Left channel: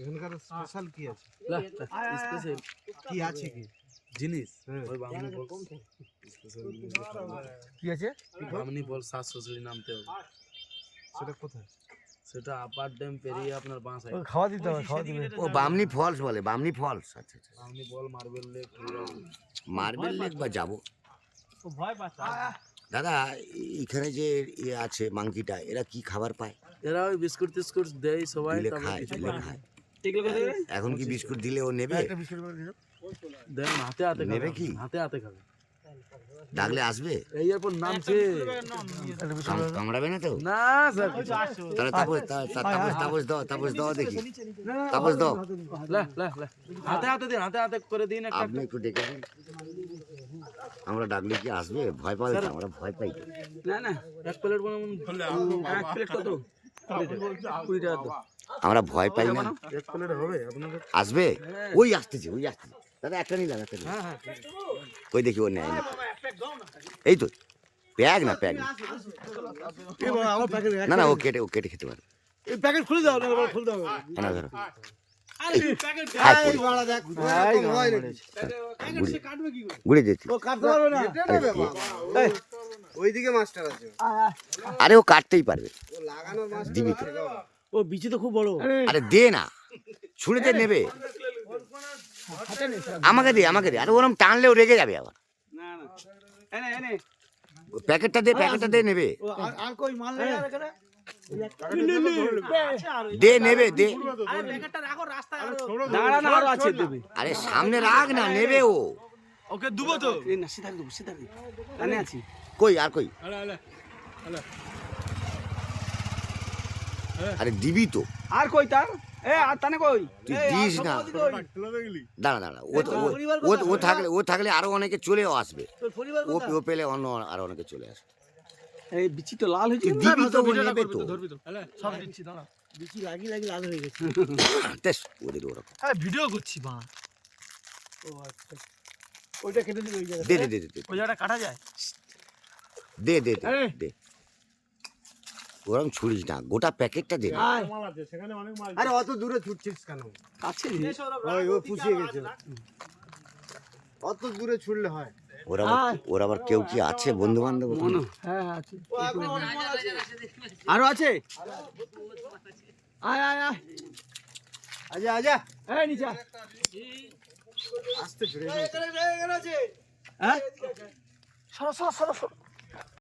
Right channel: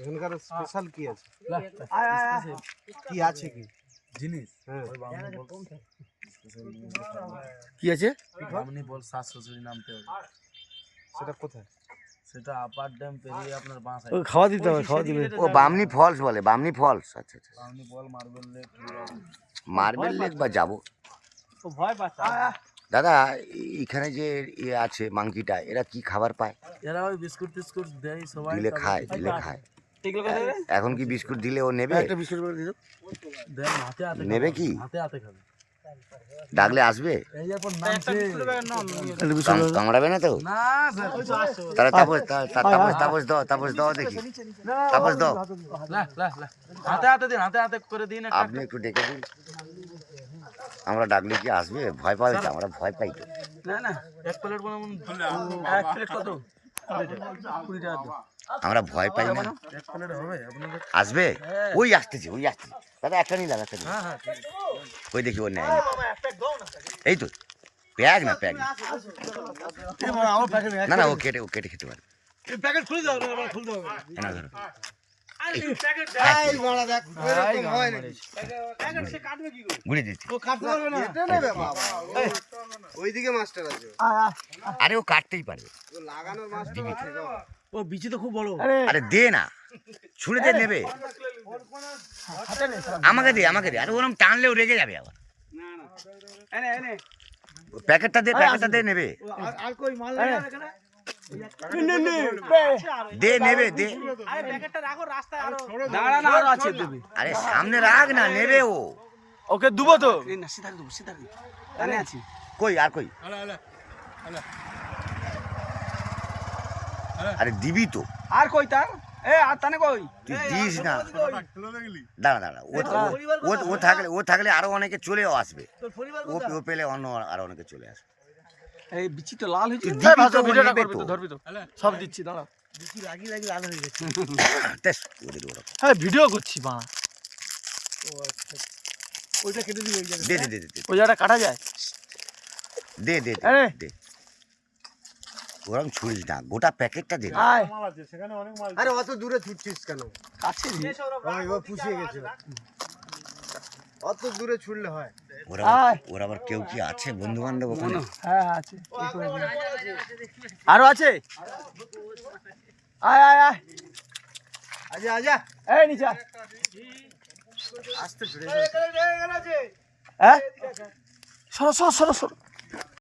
এখানকার স্পেশাল কি আছে? স্পেশাল কি আছে কি জিনিস হ্যাঁ। ওই বামনি বল স্পেশাল জিনিস কি আছে? বামনি বল শ্বাস শ্বশুরি নামতে হবে। সেটা কোথায়? সেটা আপার ড্যাম পেরিয়ে আপনার বাঁ ও সাইড খাওয়া দিতে হবে, খাওয়া দিলে। ও বামনি ফলস বলে, বামনি ফলস। আচ্ছা আচ্ছা, বামনি বল মার্বেল লেক মার্বেল লেক বা যাবো। দাদা এখানে যে ইয়ে আছে মাংকিটা, এরা কি খাবার পায়? এরা ওই বিস্কুট টিস্কুট দেয় সবাই দিলে তারপর খায়, কিছু দিলে পায়। খায়। এগুলো কোথায় রে? এখন কি বিস্কুট দিলে ও নেবে? একটা বিস্কুট করে দিও। দেন হাতে হাতে নেবে খাবে, কি? হাতে হাতে খাবে। ডাকলে আসবে? এই এরপর নামছে একটা বিস্কুট কামড়াবে না তো? না স্যার তাহলে তাপস দাও দেখি, তাপস দাও। লা লা লা হাতে হাতে দিন, হাতে হাতে করে দিন একটা আপনি একটু ডেকে দিন। আমরা ডাকলে কি আসবে? ভয় পাই তো, আমরা ভয় পাই তো। না না এক প্লেট বানাবো। এক প্লেট কত? 20 টাকা দাও। আমরা ভয় পাই না। এক প্লেট হবে আপনাদের? আসবে? ওই আসতেছে, ওই আসতেছে। দাদা একটা নিলাম, একটা নিলাম। হ্যাঁ হ্যাঁ ঠিক আছে। ওই দেখি ওর নেয়। এই তো প্যাক না, প্যাক না। এই বাবা, আমার প্যাকেট না না, ও কেটে খেতে পারবে। এই প্যাকেট খুলে দাও, খুলে দাও। না ধরো। আরে প্যাকেট হাত এই পড়ে। বাড়া দেখ এরকম হয় নাকি? প্যাকেট সে কাটবে কি করে? গুড়ি দিচ্ছি। ও কাটতে পারবে না। এটা নেবে বাবা। ওইদিকে মাস্টার আছে। আরে ও কাটতেই পারবে, ও লাগানোর মাস্টার দিবি তো। আছে। ও বিচি তো খুব বড়। আরে দে না, ছুঁড়ে দে, নেবে। হাতে নে। আমাকে দে, আমাকে দে। আরে ওরম টানলেও রেগে যাবে আবার। না না। এনে এনে। প্যাকেটটা দে, নেবে। আর কই মাল নেই আর এখানে? দে, নেবে, দে। আরে প্যাকেটটা রাখো রাস্তায় আরো। দাঁড়া না, আরো আছে দেবে। আরে সামনে রাখ না, নেবে ও। ওকে দুবো তো। এই না, সিধা দেবো, সিধা দেবো। কানে আছি। কই আর কই? আরে দিবি তো, আর কই তার? এ আর তানে কই? তুই দিস না। দাঁড়া, ও থাকলে আরো অনেকে চলেও আসবে। তোর পরিবার ও পেলে অন্য আরো অনেকে চলে আসবে। এই বিচি তো লাল হয়েছে। তুই দিবি তো, ও নেবে তো। ধরবি তো। সব দিচ্ছি, দাঁড়া। বিচি লাগি লাল হয়ে গেছে। তেস, ওদের ওরকম। হ্যাঁ, ভিডিও করছি মা। ও আচ্ছা। ওইটা কেটে দিবি ওই জায়গাটা। দে। ওই জায়গাটা কাটা যায়? দে আরে। ওরকম ছুড়িস না, গোটা প্যাকেটটা দে। আয়। আরে অত দূরে ছুটছিস কেন? কাছে রে। ও পুষিয়ে গেছিল। অত দূরে ছুটলে হয়? ওর আবার কেউ কি আছে বন্ধু বান্ধব ওখানে? হ্যাঁ আছে। আরো আছে? আয় আয় আয়। আজা এই নিচে আয়। আসতে ছুড়ে হ্যাঁ? সরো সরো সরো সরো।